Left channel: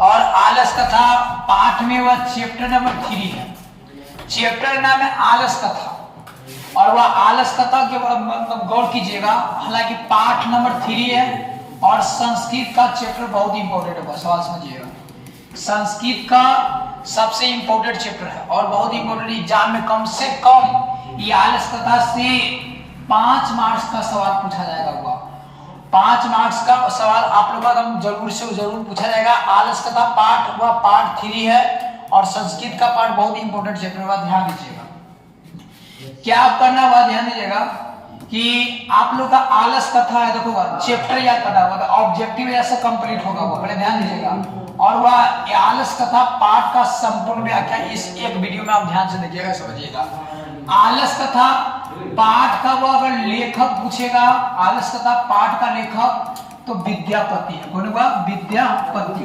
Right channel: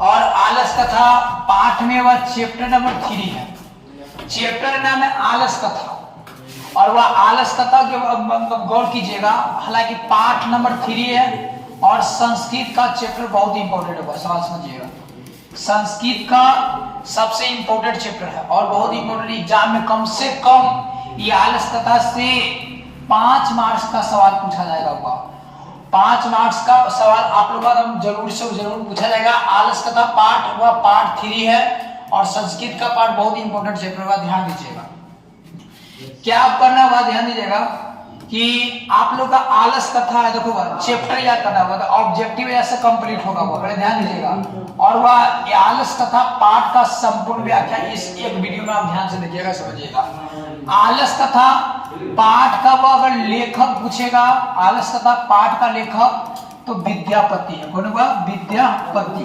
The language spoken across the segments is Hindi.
और आलस कथा पाठ में वह चैप्टर नंबर 3 है। चैप्टर नाम है आलस कथा और वह आलस कथा के मतलब गौर कीजिएगा, हालांकि पाठ नंबर 3 है और संस्कृत का चैप्टर बहुत ही इंपॉर्टेंट है। बस सवाल समझिएगा, संस्कृत का सबसे इंपॉर्टेंट चैप्टर है और बहुत इंपॉर्टेंट। एग्जाम में कम से कम ये आलस कथा से 5 मार्क्स का सवाल पूछा जाएगा। 5 मार्क्स का सवाल आप लोगों का जरूर से जरूर पूछा जाएगा। आलस कथा पाठ वह पार्ट 3 है और संस्कृत का पार्ट बहुत ही इंपॉर्टेंट चैप्टर है, ध्यान दीजिएगा। क्या आप करना है, ध्यान दीजिएगा कि आप लोग का आलस कथा है, देखो चैप्टर याद करना होगा, ऑब्जेक्टिव ऐसे कंप्लीट होगा वो, पहले ध्यान दीजिएगा। और वह आलस कथा पाठ का संपूर्ण व्याख्या इस एक वीडियो में आप ध्यान से देखिएगा, समझिएगा। आलस कथा पाठ का वो अगर लेखक पूछेगा, आलस कथा पाठ का लेखक तो विद्यापति है। कौन हुआ? विद्यापति।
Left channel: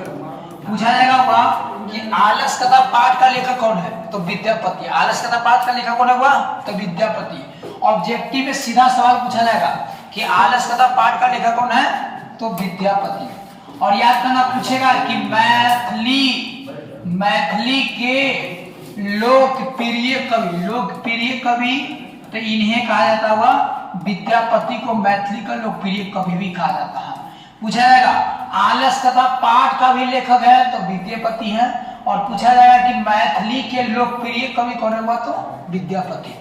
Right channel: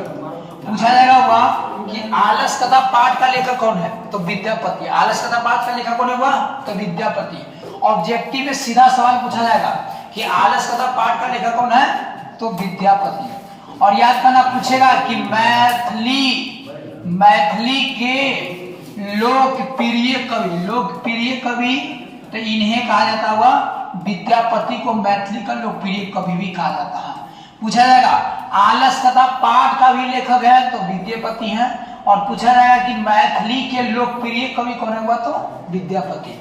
पूछा जाएगा हुआ कि आलस कथा पाठ का लेखक कौन है, तो विद्यापति। आलस कथा पाठ का लेखक कौन हुआ, तो विद्यापति। ऑब्जेक्टिव में सीधा सवाल पूछा जाएगा कि आलस कथा पाठ का लेखक कौन है, तो विद्यापति। और याद करना पूछेगा कि मैथिली के लोकप्रिय कवि, तो इन्हें कहा जाता हुआ विद्यापति को मैथिली का लोकप्रिय कवि भी कहा जाता है। पूछा जाएगा आलस कथा पाठ का भी लेखक है तो विद्यापति है, और पूछा जाएगा कि मैथिली के लोकप्रिय कवि कौन है, तो विद्यापति।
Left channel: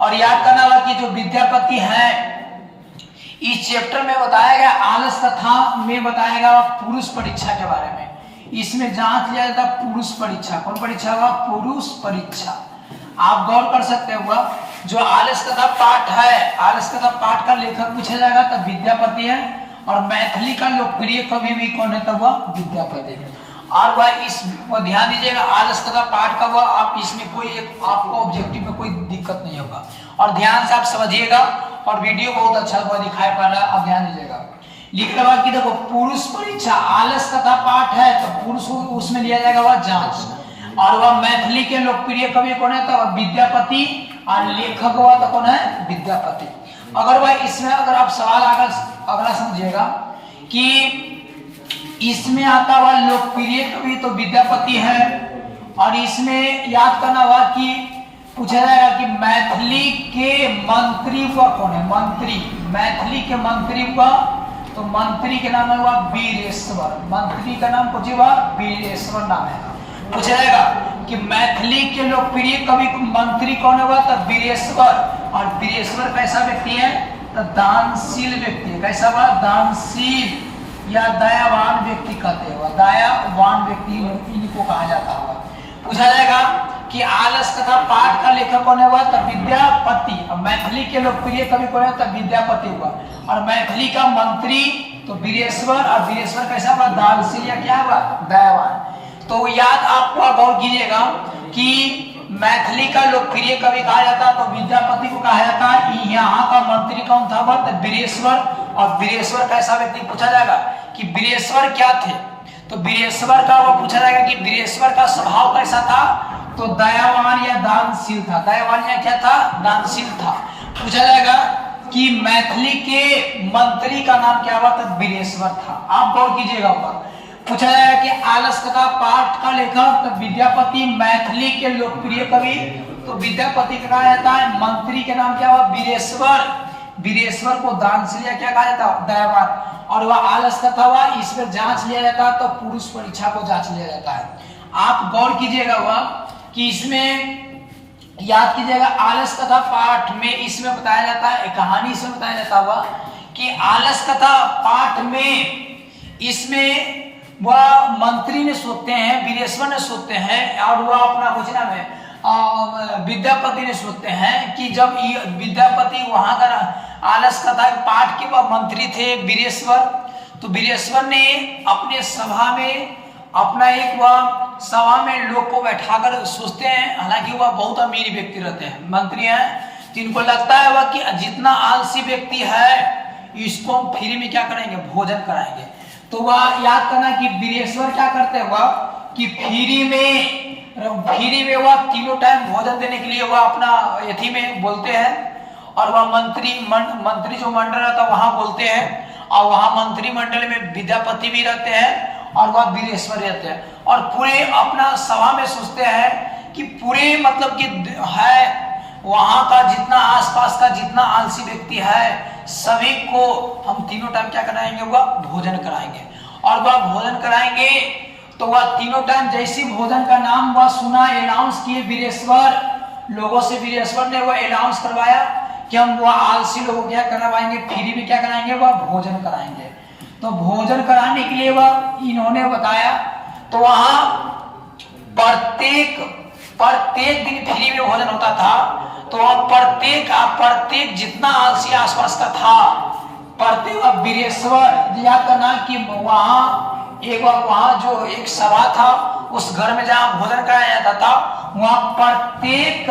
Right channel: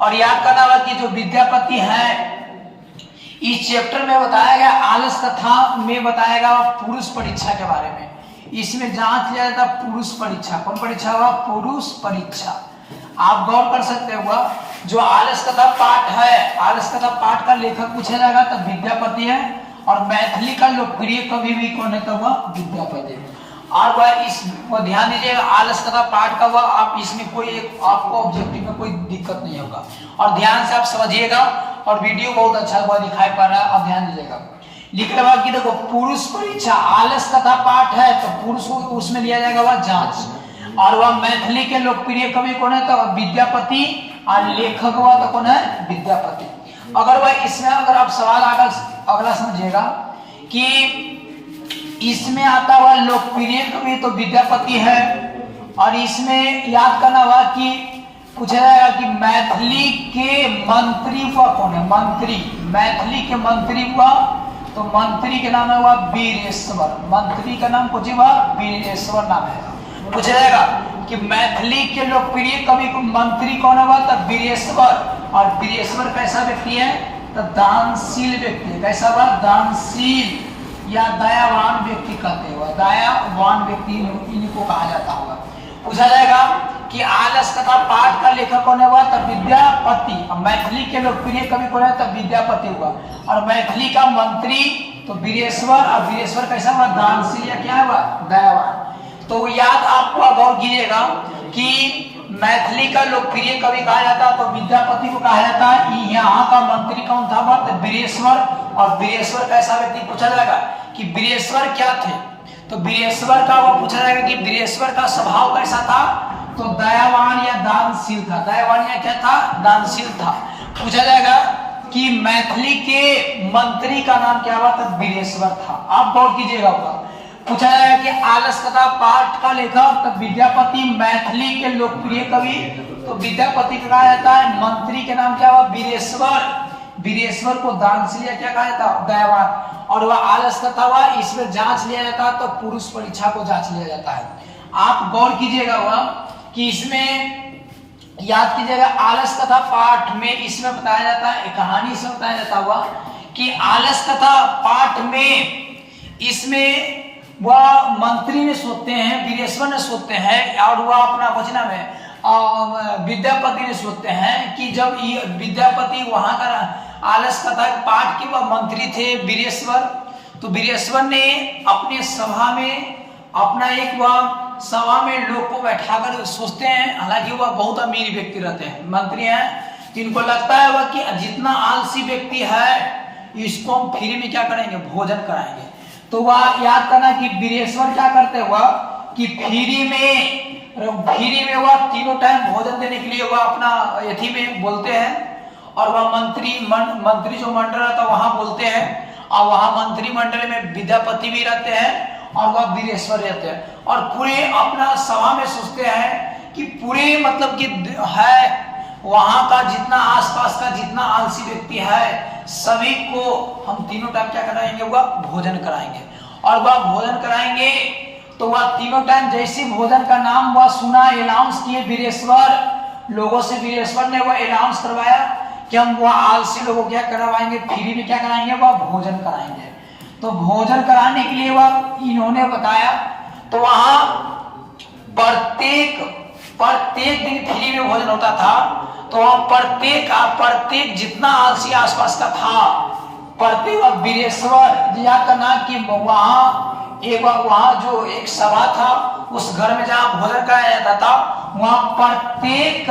और याद करना होगा कि जो विद्यापति है इस चैप्टर में बताया गया, आलस कथा में बताया गया पुरुष परीक्षा के बारे में। इसमें जांच लिया जाता पुरुष परीक्षा। कौन परीक्षा हुआ? पुरुष परीक्षा। आप गौर कर सकते हुआ जो आलस कथा पाठ है, आलस कथा पाठ का लेखक पूछा जाएगा तो विद्यापति है, और मैथिली का लोकप्रिय कवि भी कौन है, तो वह विद्यापति। और वह ध्यान दीजिएगा आलस कथा पाठ का वह आप इसमें कोई एक आपको ऑब्जेक्टिव में कोई दिक्कत नहीं होगा, और ध्यान से आप समझिएगा। और वीडियो बहुत अच्छा हुआ दिखाई पा रहा है, आप ध्यान दीजिएगा। लिख रहा कि देखो पुरुष परीक्षा आलस कथा पाठ है तो पुरुष उसमें लिया जाएगा वह जांच, और वह मैथिली के लोकप्रिय कवि कौन है, तो विद्यापति, और लेखक हुआ तो कौन है, विद्यापति। अगर वह इसमें अगर आप सवाल अगला समझिएगा कि इसमें आता हुआ लोकप्रिय कवि तो विद्यापति है, और इसमें याद करना हुआ कि पूछा जाएगा कि मैथिली के मंत्री हुआ कौन है, मंत्री, मैथिली के मंत्री हुआ तो मंत्री के नाम है हुआ वीरेश्वर। मंत्री का नाम कुछ हुआ वीरेश्वर नाम है। पूछा जाएगा कि मैथिली के लोकप्रिय कवि मंत्री कौन हुआ, तो वीरेश्वर। और वीरेश्वर कैसा व्यक्ति है, तो दानशील व्यक्ति। कैसा हुआ? दानशील या दयावान व्यक्ति कहते हुआ, दयावान व्यक्ति इनको कहा जाता हुआ। पूछा जाएगा कि आलस कथा पाठ का लेखक कौन हुआ, तो विद्यापति। और मैथिली के लोकप्रिय कवि कौन है, तो विद्यापति हुआ। और मैथिली का मंत्री तो वीरेश्वर, और वीरेश्वर कैसा हुआ, दानशील या क्या हुआ, दयावान। तो याद आप गौर कीजिएगा कि मैथिली का लोकप्रिय कवि कहा जाता तो विद्यापति को कहा जाता। यहाँ का मंत्री कौन था, तो वीरेश्वर। और वीरेश्वर कैसा व्यक्ति पूछा जाएगा कि वीरेश्वर क्या थे, तो वीरेश्वर का वह पूछा जाएगा कि वीरेश्वर का स्वभाव कैसा था, तो दयावान या दानशील था। दयावान या क्या था, दानशील था। पूछा जाएगा कि मैथिली के मंत्री का नाम क्या हुआ, तो वीरेश्वर था। आप गौर कीजिएगा। पूछा जाएगा कि आलस कथा पाठ का लेखक तो विद्यापति, मैथिली के लोकप्रिय कवि तो विद्यापति का कहा जाता है, मंत्री के नाम क्या हुआ, वीरेश्वर। वीरेश्वर को दानशील या क्या कहा जाता है, दयावान। और वह आलस कथा हुआ, इसमें जांच लिया जाता है तो पुरुष परीक्षा को जांच लिया जाता है। आप गौर कीजिएगा वह कि इसमें याद कीजिएगा आलस कथा पाठ में इसमें बताया जाता है, कहानी से बताया जाता हुआ कि आलस कथा पाठ में इसमें वह मंत्री ने सोचते हैं, वीरेश्वर ने सोचते हैं, और वह अपना घोषणा में विद्यापति ने सोचते हैं कि जब विद्यापति वहां का आलस कथा पाठ के वह मंत्री थे वीरेश्वर, तो वीरेश्वर ने अपने सभा में अपना एक वह सभा में लोग को बैठाकर सोचते हैं। हालांकि वह बहुत अमीर व्यक्ति रहते हैं, मंत्री हैं, तो इनको लगता है वह कि जितना आलसी व्यक्ति है इसको हम फ्री में क्या करेंगे, भोजन कराएंगे। तो वह याद करना कि वीरेश्वर क्या करते हुआ कि फ्री में वह तीनों टाइम भोजन देने के लिए वह अपना यथी में बोलते हैं, और वह मंत्री जो मंडल रहता वहां बोलते हैं, और वहां मंत्रिमंडल में विद्यापति भी रहते हैं, और वह वीरेश्वर रहते हैं और पूरे अपना सभा में सोचते हैं कि पूरे मतलब कि है वहां का जितना आसपास का जितना आलसी व्यक्ति है सभी को हम तीनों टाइम क्या कराएंगे, वह भोजन कराएंगे। और वह भोजन कराएंगे तो वह तीनों टाइम जैसी भोजन का नाम वह सुना, अनाउंस किए वीरेश्वर, लोगों से वीरेश्वर ने वह अनाउंस करवाया कि हम वह आलसी लोगों को क्या करवाएंगे, फ्री में क्या कराएंगे, वह भोजन कराएंगे। तो भोजन कराने के लिए वह इन्होंने बताया, तो वहां प्रत्येक दिन फ्री में भोजन होता था। तो वहां प्रत्येक जितना आलसी आसपास का था, प्रत्येक वीरेश्वर याद करना कि वहां जो एक सभा था उस घर में जहां भोजन कराया जाता था, वहां प्रत्येक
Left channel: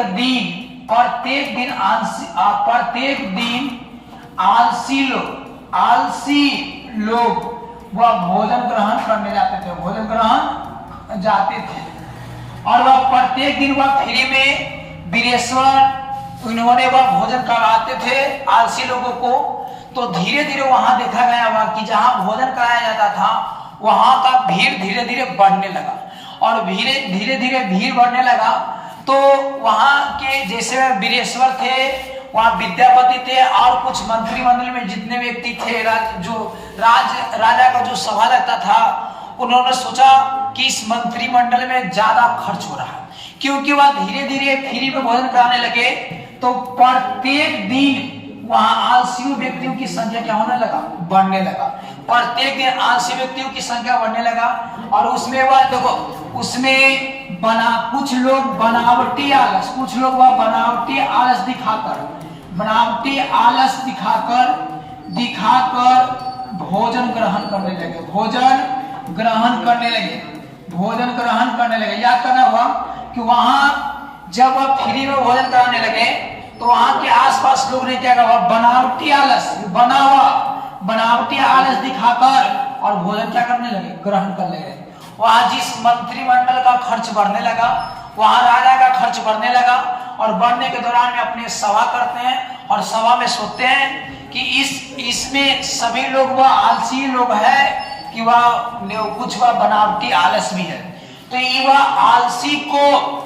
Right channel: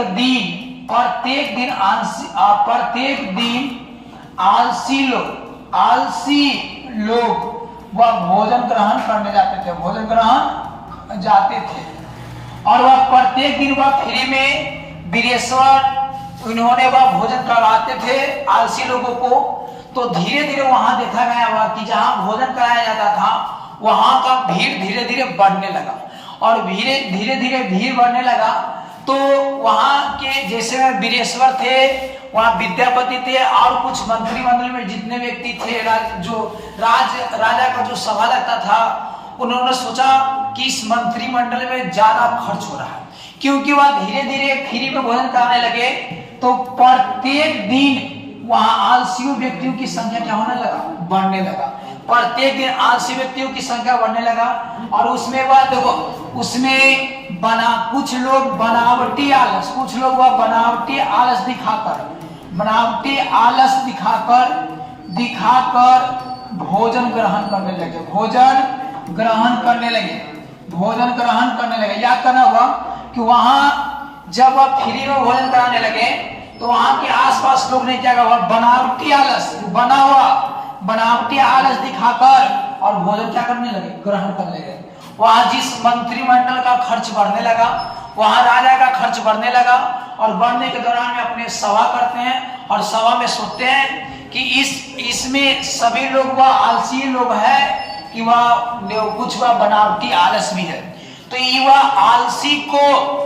दिन आलसी लोग वह भोजन ग्रहण करने जाते थे, भोजन ग्रहण जाते थे। और वह प्रत्येक दिन वह फ्री में वीरेश्वर इन्होंने वह भोजन कराते थे आलसी लोगों को। तो धीरे धीरे वहां देखा गया हुआ कि जहां भोजन कराया जाता था वहां का भीड़ धीरे धीरे बढ़ने लगा और धीरे धीरे भीड़ बढ़ने लगा। तो वहां के जैसे वीरेश्वर थे, वहां विद्यापति थे और कुछ मंत्रिमंडल में जितने व्यक्ति थे, राजा का जो सभा लगता था, उन्होंने सोचा कि इस मंत्रिमंडल में ज्यादा खर्च हो रहा है, क्योंकि वह धीरे धीरे फ्री में भोजन कराने लगे। तो प्रत्येक दिन वहां आलसी व्यक्तियों की संख्या क्या होने लगा, बढ़ने लगा। प्रत्येक दिन आलसी व्यक्तियों की संख्या बढ़ने लगा और उसमें वह देखो उसमें कुछ लोग बनावटी आलस दिखाकर भोजन ग्रहण करने लगे। याद करना हुआ कि वहां जब वह फ्री में भोजन कराने लगे तो वहां के आसपास लोग ने क्या कहा, बनावटी आलस दिखाकर और भोजन क्या करने लगे, ग्रहण करने लगे। वहां जिस मंत्रिमंडल का खर्च बढ़ने लगा, वहां राजा का खर्च बढ़ने लगा और बढ़ने के दौरान में अपने सभा करते हैं और सभा में सोचते हैं कि इसमें सभी लोग वह आलसी लोग है कि वह बनावटी आलस भी है। तो वह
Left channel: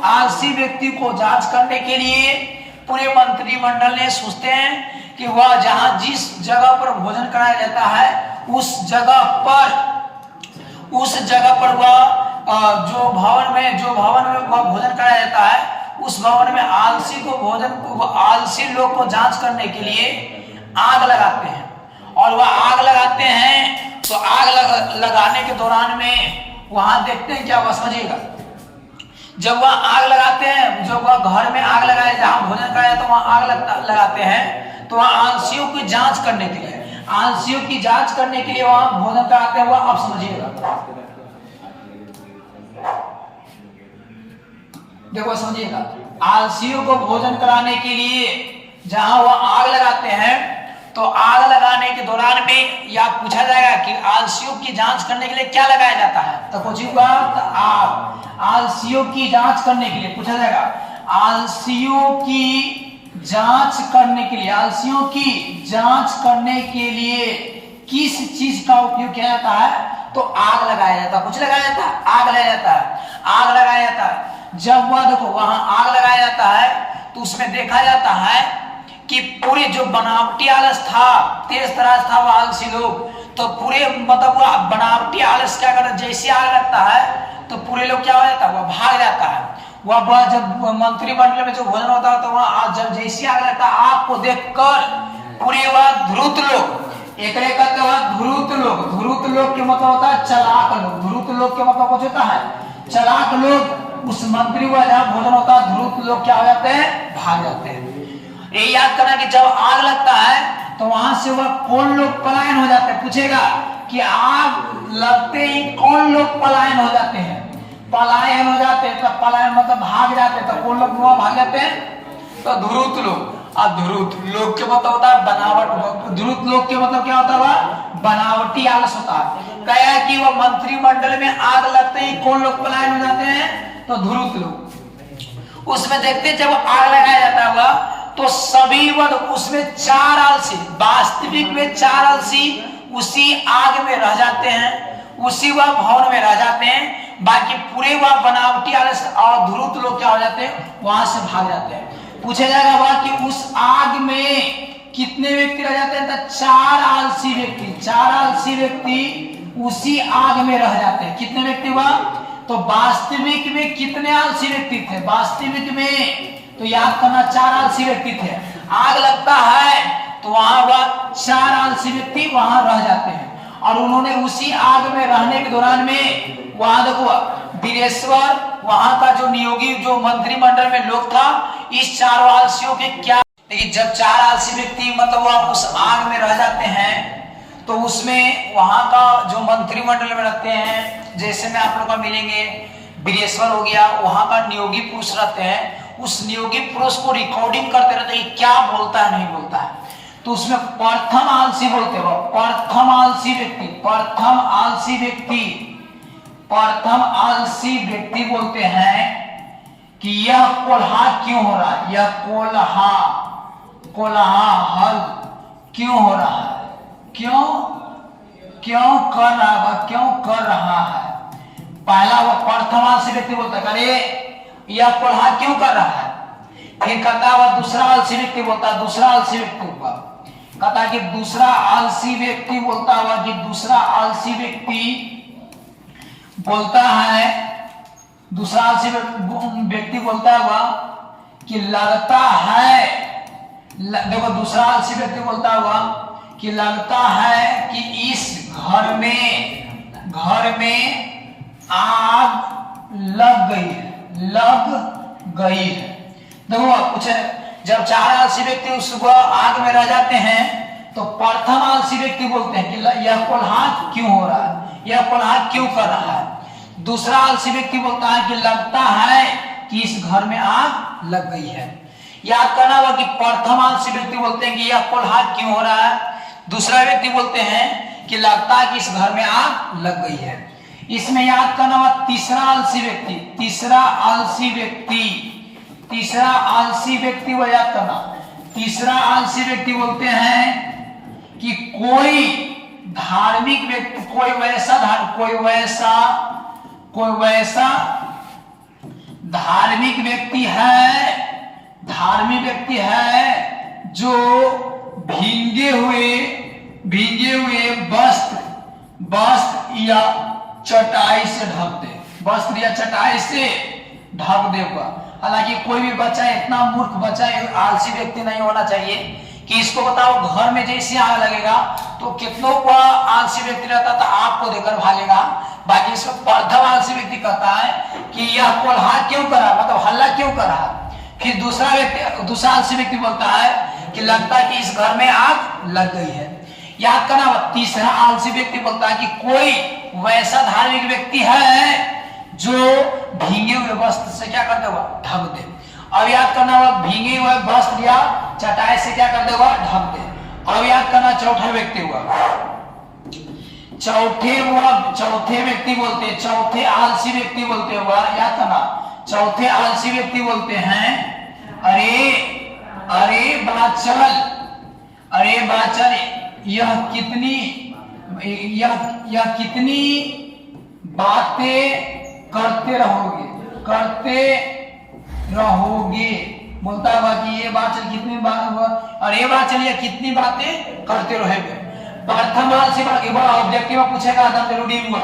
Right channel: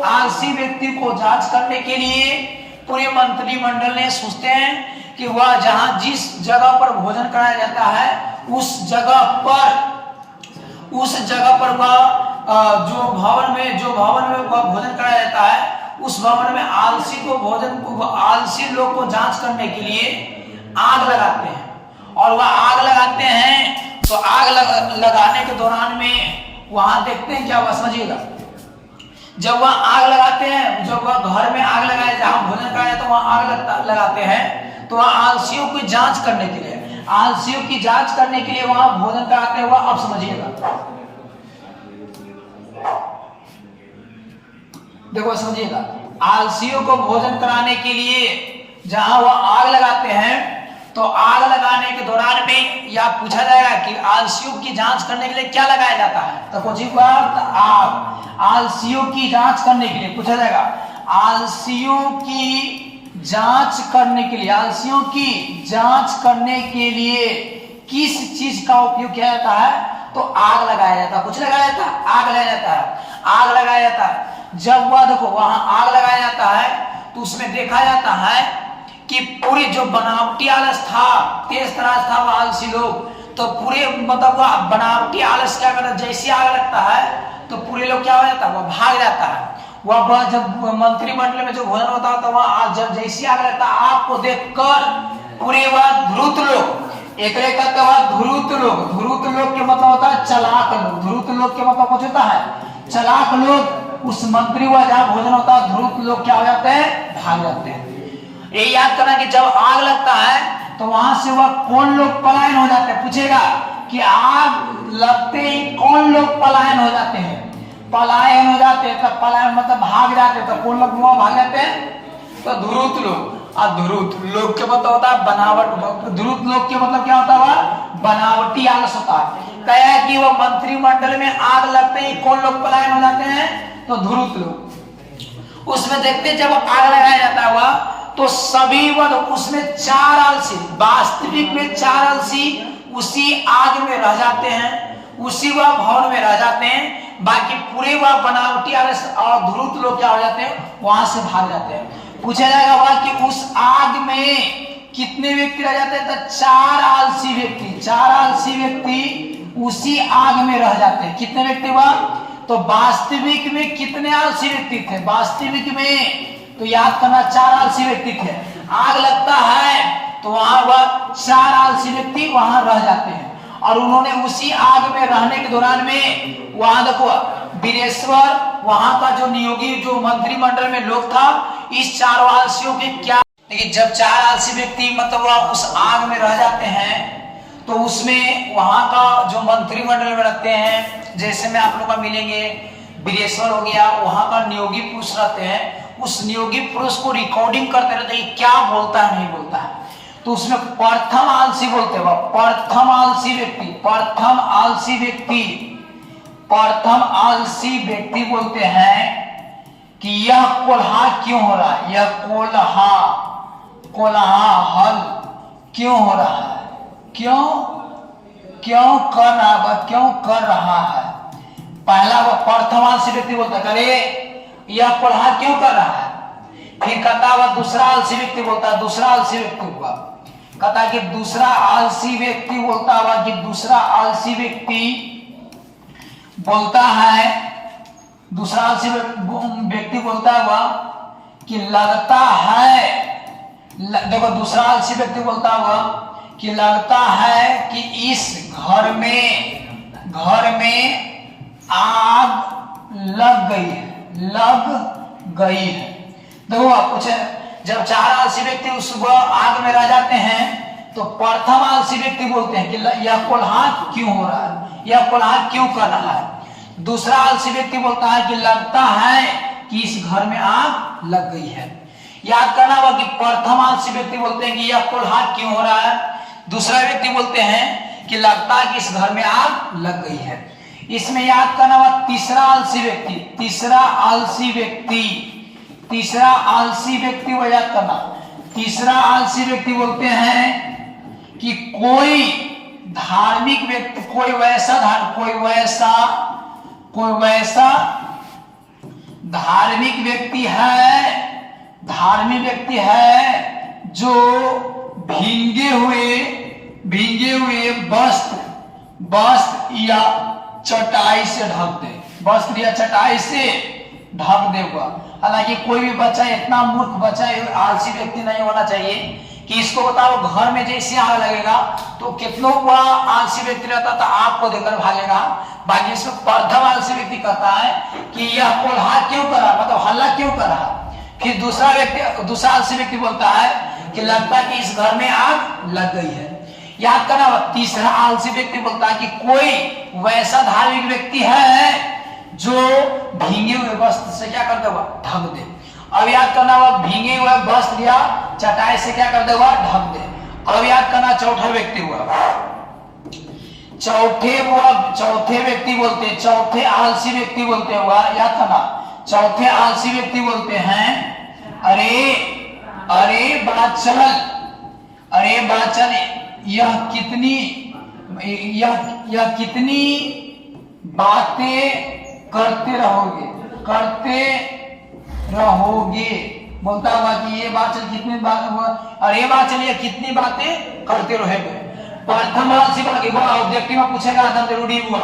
आलसी व्यक्ति को जांच करने के लिए पूरे मंत्रिमंडल ने सोचते हैं कि वह जिस जगह पर भोजन कराया जाता है उस जगह पर वह जो भवन में वह भोजन कराया जाता है उस भवन में आलसी लोग को जांच करने के लिए आग लगाते हैं। और वह आग लगाते हैं तो आग लगाने के दौरान में वहां देखते हैं क्या, वह समझिएगा, जब वह आग लगाते हैं, जब वह घर में आग लगाए जहां भोजन कराया तो वहां आग लगाते हैं, तो वहां आलसियों की जांच करने के लिए वहां भोजन कराते हैं। वह अब समझिएगा, देखो समझिएगा, आलसियों को भोजन कराने के लिए जहां वह आग लगाते हैं तो आग लगाने के दौरान में या पूछा जाएगा कि आलसियों की जांच करने के लिए क्या लगाया जाता है, तो कुछ आग। आलसियों की जांच करने के लिए पूछा जाएगा, आलसियों की जांच करने के लिए किस चीज का उपयोग किया जाता है, तो आग लगाया जाता है। कुछ लगाया जाता है, आग लगाया जाता है। जब वह देखो वहां आग लगाया जाता है तो उसमें देखा जाता है कि पूरी जो बनावटी आलस था, तेज तराज था वह आलसी लोग, तो पूरे मतलब वह बनावटी आलस क्या करता है, जैसे आग लगता है तो पूरे लोग क्या हो जाता है, वह भाग जाता है। वह जब मंत्रिमंडल में जो भोजन होता है तो वह जब जैसे आग लगता है, आग को देखकर पूरे वह धूर्त लोग, एक कहते हैं धूर्त लोग के मतलब होता है चलाक लोग। धूर्त लोग के मतलब कुछ होता है चलाक लोग। उस मंत्री हुआ जहां भोजन होता है, धूर्त लोग क्या हो जाते हैं, भाग जाते हैं। ये याद करना कि जब आग लगता है तो वहां से वह कौन लोग पलायन हो जाते हैं, पूछेगा कि आग लगते ही कौन लोग पलायन हो जाते हैं। पलायन हो जाते हैं, तब पलायन मतलब भाग जाते हैं, तो कौन लोग वहां भाग जाते हैं, तो धूर्त लोग। और धूर्त लोग के मतलब होता है बनावट। धूर्त लोग के मतलब क्या होता है, बनावटी आलस होता है। कहा कि वह मंत्रिमंडल में आग लगते ही कौन लोग पलायन हो जाते हैं, तो धूर्त लोग। उसमें देखते जब आग लगाया जाता है तो सभी उसमें 4 आलसी, वास्तविक में 4 आलसी उसी आग में रह जाते हैं। उसी वह भवन में रह जाते हैं। बाकी पूरे वह बनावटी आलस और ध्रुत लोग क्या हो जाते हैं, वहां से भाग जाते हैं। पूछा जाएगा वह कि उस आग में कितने व्यक्ति रह जाते हैं, तो 4 आलसी व्यक्ति, 4 आलसी व्यक्ति उसी आग में रह जाते हैं। कितने व्यक्ति वह, तो वास्तविक में कितने आलसी व्यक्ति थे, वास्तविक में तो याद करना 4 आलसी व्यक्ति थे। आग लगता है तो वहां वह 4 आलसी व्यक्ति वहां रह जाते हैं और उन्होंने उसी आग में रहने के दौरान में वहां देखो वीरेश्वर वहां का जो नियोगी जो मंत्रिमंडल में लोग था, इस 4 आलसियों के क्या, देखिए जब 4 आलसी व्यक्ति मतलब वह उस आग में रह जाते हैं तो उसमें वहां का जो मंत्रिमंडल में रहते हैं, जैसे में आप लोग को मिलेंगे वीरेश्वर हो गया, वहां का नियोगी पुरुष रहते हैं, उस नियोगी पुरुष को रिकॉर्डिंग करते रहते हैं क्या बोलता है नहीं बोलता है। तो उसमें प्रथम आलसी बोलते हैं, प्रथम आलसी व्यक्ति, प्रथम आलसी व्यक्ति, प्रथम आलसी व्यक्ति बोलते हैं कि यह कोल्हा क्यों हो रहा है, यह कोलाहल क्यों हो रहा है, क्यों कर रहा है, क्यों कर रहा है। पहला वह प्रथम आलसी व्यक्ति बोलता है अरे यह कोल्हा क्यों कर रहा है। फिर कहता वह दूसरा आलसी व्यक्ति बोलता है, दूसरा आलसी व्यक्ति हुआ कहता कि दूसरा आलसी व्यक्ति बोलता हुआ कि दूसरा आलसी व्यक्ति बोलता है, दूसरा आलसी व्यक्ति बोलता है वह कि लगता है, देखो दूसरा आलसी व्यक्ति बोलता हुआ कि लगता है कि इस घर में आग लग गई है। देखो आप पूछे जब 4 आलसी व्यक्ति उस आग में रह जाते हैं तो प्रथम आलसी व्यक्ति बोलते हैं कि यह कोल्हा क्यों हो रहा है, यह कोल्हा क्यों कर रहा है। दूसरा आलसी व्यक्ति बोलता है कि लगता है कि इस घर में आग लग गई है। याद करना होगा कि प्रथम आलसी व्यक्ति बोलते हैं कि यह कोल्हा क्यों हो रहा है, दूसरा व्यक्ति बोलते हैं कि लगता है कि इस घर में आग लग गई है। इसमें याद करना होगा तीसरा आलसी व्यक्ति, तीसरा आलसी व्यक्ति वो याद करना, तीसरा आलसी व्यक्ति बोलते हैं कि कोई धार्मिक व्यक्ति, कोई वैसा धार्मिक व्यक्ति है जो भींगे हुए वस्त्र या चटाई से ढक दे, वस्त्र या चटाई से ढक देगा। हालांकि कोई भी बच्चा इतना मूर्ख बच्चा आलसी व्यक्ति नहीं होना चाहिए कि इसको बताओ घर में जैसे आग लगेगा तो कितनों का आलसी व्यक्ति रहता था आपको देकर भागेगा। बाकी इसमें प्रथम आलसी व्यक्ति कहता है कि यह कोल्हा क्यों कर रहा है, मतलब हल्ला क्यों कर रहा है। फिर दूसरा आलसी व्यक्ति बोलता है कि लगता है कि इस घर में आग लग गई है। याद करना, तीसरा आलसी व्यक्ति बोलता है कि कोई वैसा धार्मिक व्यक्ति है जो भींगे हुए वस्त्र से क्या कर देगा, ढक दे। अब याद करना हुआ भींगे हुए वस्त्र या चटाई से क्या कर देगा, ढक दे। अब याद करना चौथा व्यक्ति हुआ, चौथे व्यक्ति बोलते, चौथे आलसी व्यक्ति बोलते हुआ याद करना, चौथे आलसी व्यक्ति बोलते हैं अरे बाचल यह कितनी बातें करते रहोगे। बोलता हुआ कि ये बाचल कितनी बात, अरे बाचल ये कितनी बातें करते रहोगे। प्रथम आलसी व्यक्ति बड़ा ऑब्जेक्टिव में पूछेगा एकदम जरूरी हुआ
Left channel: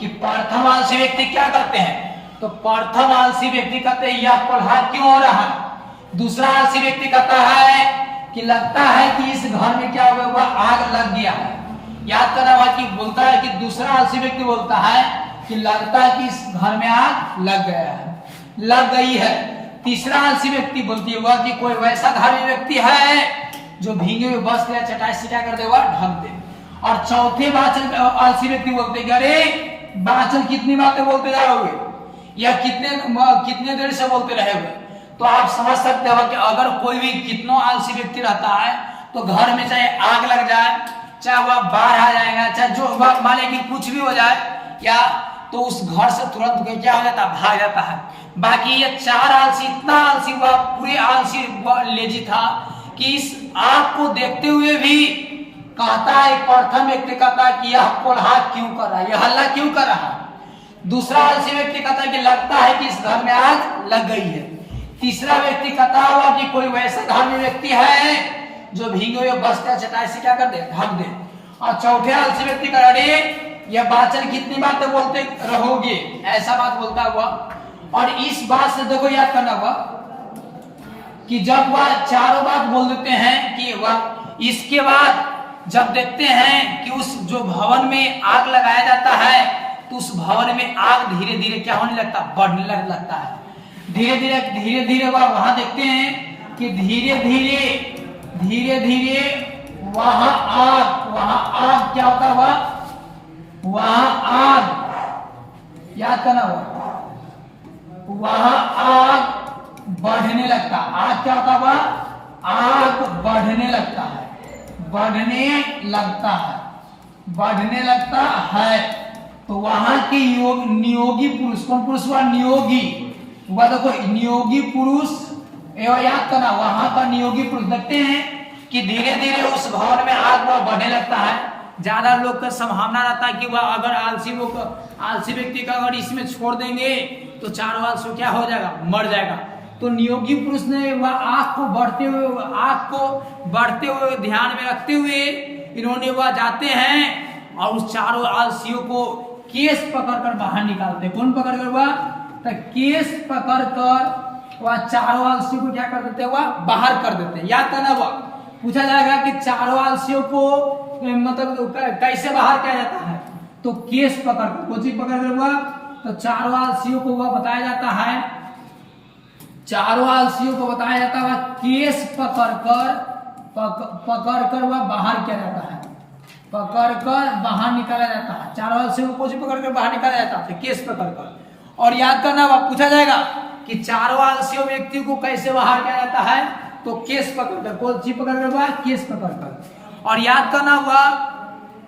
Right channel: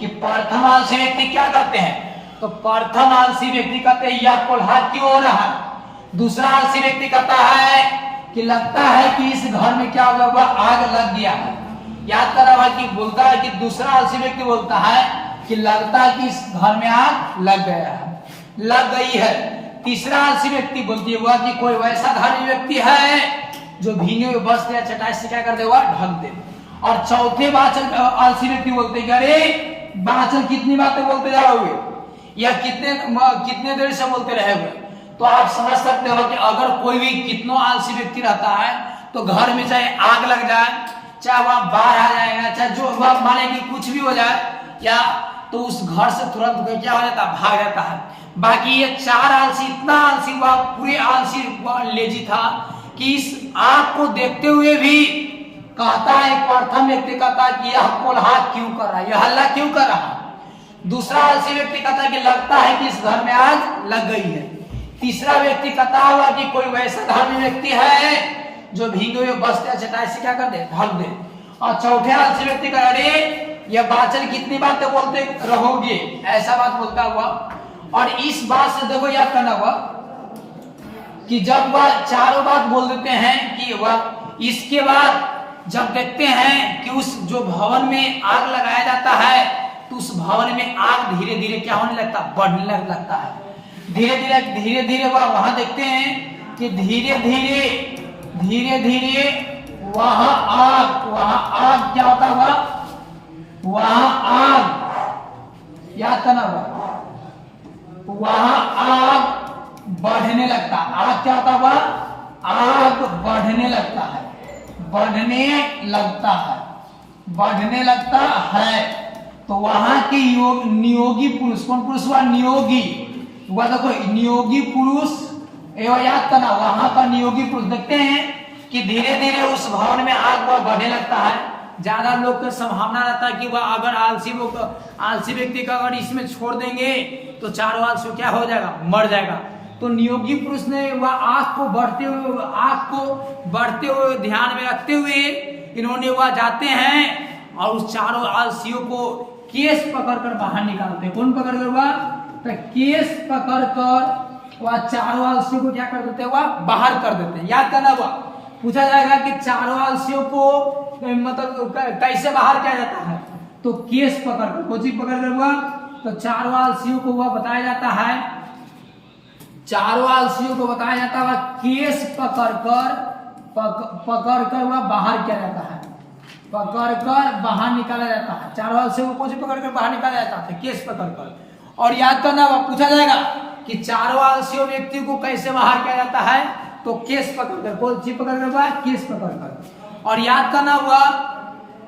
कि प्रथम आलसी व्यक्ति क्या करते हैं, तो प्रथम आलसी व्यक्ति कहते हैं यह कोल्हा क्यों हो रहा है। दूसरा आलसी व्यक्ति कहता है कि लगता है कि इस घर में क्या हुआ, आग लग गया है। याद करना हुआ कि बोलता है कि दूसरा आलसी व्यक्ति बोलता है कि लगता है कि इस घर में आग लग गई है। तीसरा आलसी व्यक्ति बोलती हुआ कि कोई वैसा धार्मिक व्यक्ति है जो भींगे हुए वस्त्र या चटाई से क्या कर देगा, ढक दे। और चौथे आलसी व्यक्ति बोलते हैं अरे बाचल कितनी बातें बोलते जा रहोगे या कितने देर से बोलते रहेगे। तो आप समझ सकते हो कि अगर कोई भी कितनों आलसी व्यक्ति रहता है तो घर में चाहे आग लग जाए, चाहे वह बाहर आ जाएगा, चाहे जो माने कि कुछ भी हो जाए या तो उस घर से तुरंत क्या हो जाता है, भाग जाता है। बाकी ये 4 आलसी इतना आलसी हुआ, पूरे आलसी लेजी था कि इस आग को देखते हुए भी कहता है, प्रथम व्यक्ति कहता है कि यह कोल्हा क्यों कर रहा है, यह हल्ला क्यों कर रहा है। दूसरा आलसी व्यक्ति कहता है कि लगता है कि इस घर में आग लग गई है। तीसरा व्यक्ति कहता हुआ कि कोई वैसा धर्मी व्यक्ति है जो भीगे हुए बस्ते चटाई से क्या कर दे, ढक दे। और चौथे आलसी व्यक्ति का, अरे यह बाचल कितनी बातें बोलते रहोगे, ऐसा बात बोलता हुआ। और इस बात से देखो याद करना हुआ कि जब वह चारों बात बोल देते हैं कि वह, इसके बाद जब देखते हैं कि उस जो भवन में आग लगाया जाता है तो उस भवन में आग धीरे धीरे क्या होने लगता, बढ़ने लगता है। धीरे धीरे वहां देखते हैं कि धीरे धीरे वहां आग क्या होता हुआ, वहां आग याद करना हुआ, वहां आग बढ़ने लगता। आग क्या होता हुआ, आग बढ़ने लगता है, बढ़ने लगता है। तो वहां के नियोगी पुरुष, कौन पुरुष हुआ, नियोगी हुआ, देखो नियोगी पुरुष एवं याद करना, वहां पर नियोगी पुरुष देखते हैं कि धीरे धीरे उस भवन में आग वह बढ़ने लगता है। ज्यादा लोग का संभावना रहता है कि वह अगर आलसी व्यक्ति का अगर इसमें छोड़ देंगे तो चारों आलसी क्या हो जाएगा, मर जाएगा। तो नियोगी पुरुष ने वह आग को बढ़ते हुए ध्यान में रखते हुए इन्होंने वह जाते हैं और उस चारों आलसियों को केस पकड़कर बाहर निकालते। कौन पकड़कर, वह तो केस पकड़कर वह चारों आलसियों को क्या कर देते हैं, वह बाहर कर देते हैं। याद करना हुआ, पूछा जाएगा कि चारों आलसियों को मतलब कैसे बाहर किया जाता है, तो केस पकड़कर, कोई चीज पकड़कर हुआ तो चारों आलसियों को वह बताया जाता है, चारों आलसियों को बताया जाता है केस पकड़कर वह बाहर किया जाता है, पकड़कर बाहर निकाला जाता है। चारों आलसियों को कोई पकड़कर बाहर निकाला जाता है, केस पकड़कर। और याद करना हुआ, पूछा जाएगा कि चारों आलसियों व्यक्ति को कैसे बाहर किया जाता है, तो केस पकड़कर, कौन चीज पकड़कर हुआ, केस पकड़कर। और याद करना हुआ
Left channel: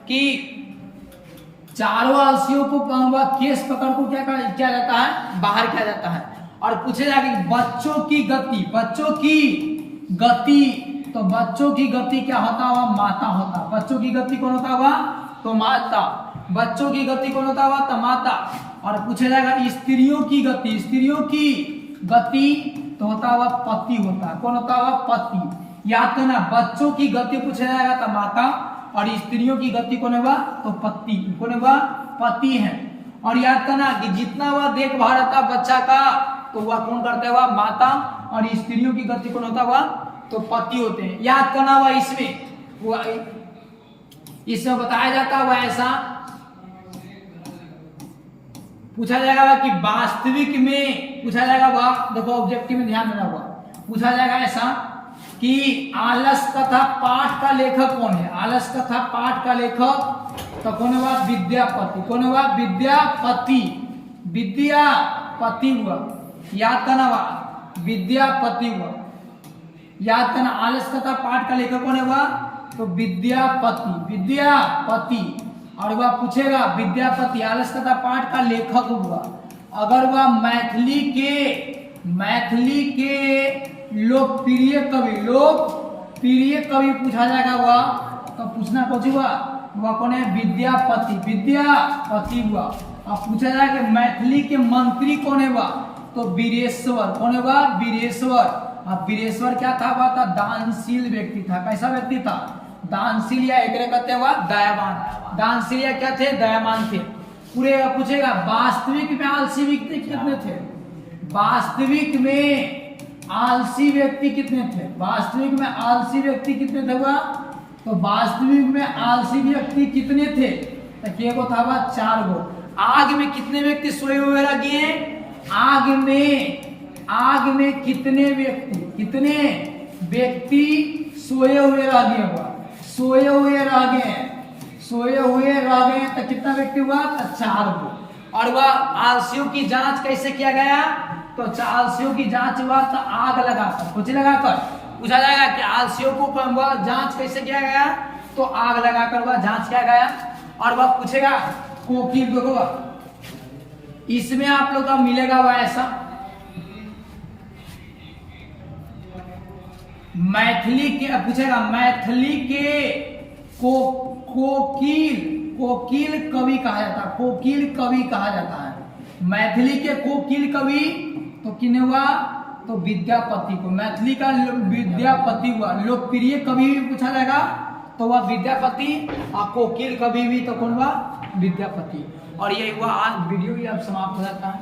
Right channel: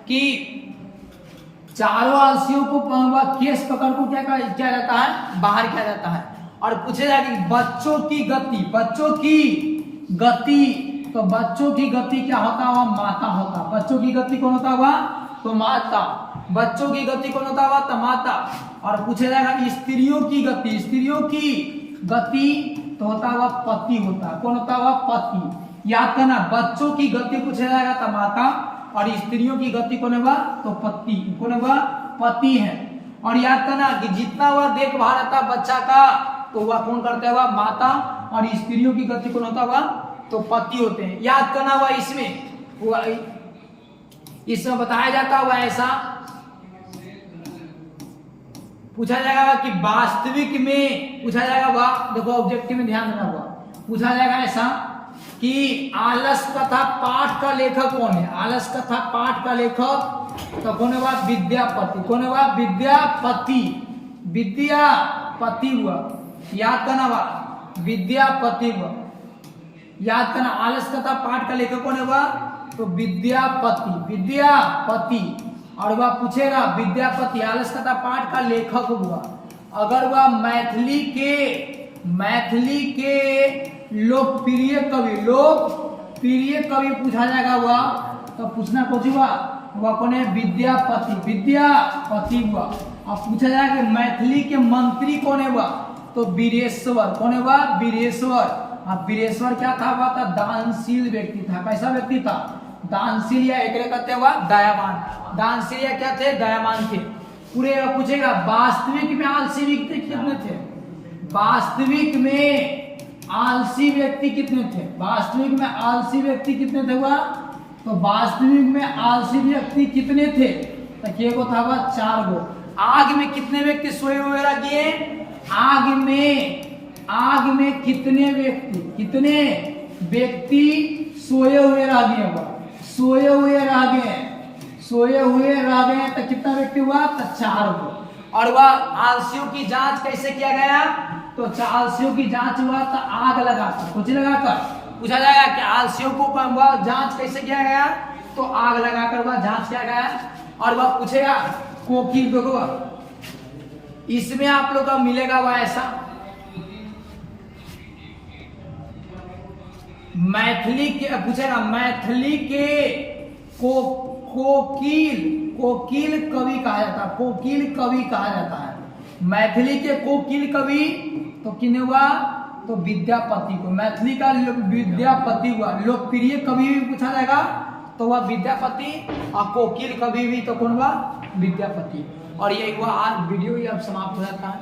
कि चारों आलसियों को केस पकड़ को क्या किया जाता है, बाहर किया जाता है। और पूछे जाएगा कि बच्चों की गति, तो बच्चों की गति क्या होता हुआ, माता होता। बच्चों की गति कौन होता हुआ, तो माता। बच्चों की गति कौन होता हुआ, तो माता। और पूछे जाएगा स्त्रियों की गति तो होता हुआ पति होता। कौन होता हुआ, पति। याद करना, बच्चों की गति पूछा जाएगा तो माता, और स्त्रियों की गति कौन हुआ, तो पति। कौन हुआ, पति है। और याद करना कि जितना वह देखभाल रहता बच्चा का तो वह कौन करता हुआ, माता, और स्त्रियों की गति कौन होता हुआ, तो पति होते हैं। याद करना हुआ, इसमें बताया जाता हुआ ऐसा पूछा जाएगा कि वास्तविक में पूछा जाएगा, देखो ऑब्जेक्टिव में ध्यान देना हुआ, पूछा जाएगा ऐसा कि आलस कथा पाठ का लेखक कौन है। आलस कथा पाठ का लेखक तो कौन हुआ, विद्यापति। कौन हुआ, विद्यापति। विद्यापति हुआ, याद करना हुआ, विद्यापति हुआ। याद करना, आलस कथा पाठ का लेखक कौन हुआ, तो विद्यापति। और वह पूछेगा विद्यापति आलस कथा पाठ का लेखक हुआ। अगर वह मैथिली के लोकप्रिय कवि पूछा जाएगा वह, तो पूछना कुछ हुआ, वह कौन है, विद्यापति हुआ। अब पूछा जाएगा मैथिली के मंत्री कौन है वह, तो वीरेश्वर। कौन है वह, वीरेश्वर। अब वीरेश्वर क्या था, वह था दानशील व्यक्ति था। कैसा व्यक्ति था, दानशील, या एक कहते हुआ दयावान। दानशील या क्या थे, दयावान थे। पूरे पूछेगा वास्तविक में आलसी व्यक्ति कितने थे, वास्तविक में आलसी व्यक्ति कितने थे, वास्तविक में आलसी व्यक्ति कितने थे हुआ, तो वास्तविक में आलसी व्यक्ति कितने थे, तो को था वह 4 गो। आग में कितने व्यक्ति सोए हुए लगे, आग में कितने व्यक्ति सोए हुए रह गए, सोए हुए रह गए तो कितना व्यक्ति हुआ, तो 4 गो। और वह आलसियों की जांच कैसे किया गया, तो आलसियों की जांच हुआ तो आग लगाकर, कुछ लगाकर। पूछा जाएगा कि आलसियों को वह जांच कैसे किया गया, तो आग लगाकर वह जांच किया गया। और वह पूछेगा कोकिल होगा, इसमें आप लोग का मिलेगा वह ऐसा, मैथिली के पूछेगा मैथिली के कोकिल कवि कहा जाता है, कोकिल कवि कहा जाता है। मैथिली के कोकिल कवि तो किन्हें हुआ, तो विद्यापति को। मैथिली का विद्यापति हुआ। लोकप्रिय कवि भी पूछा जाएगा तो वह विद्यापति, और कोकिल कवि भी तो कौन हुआ, विद्यापति। और ये हुआ आज वीडियो, ये अब समाप्त हो जाता है।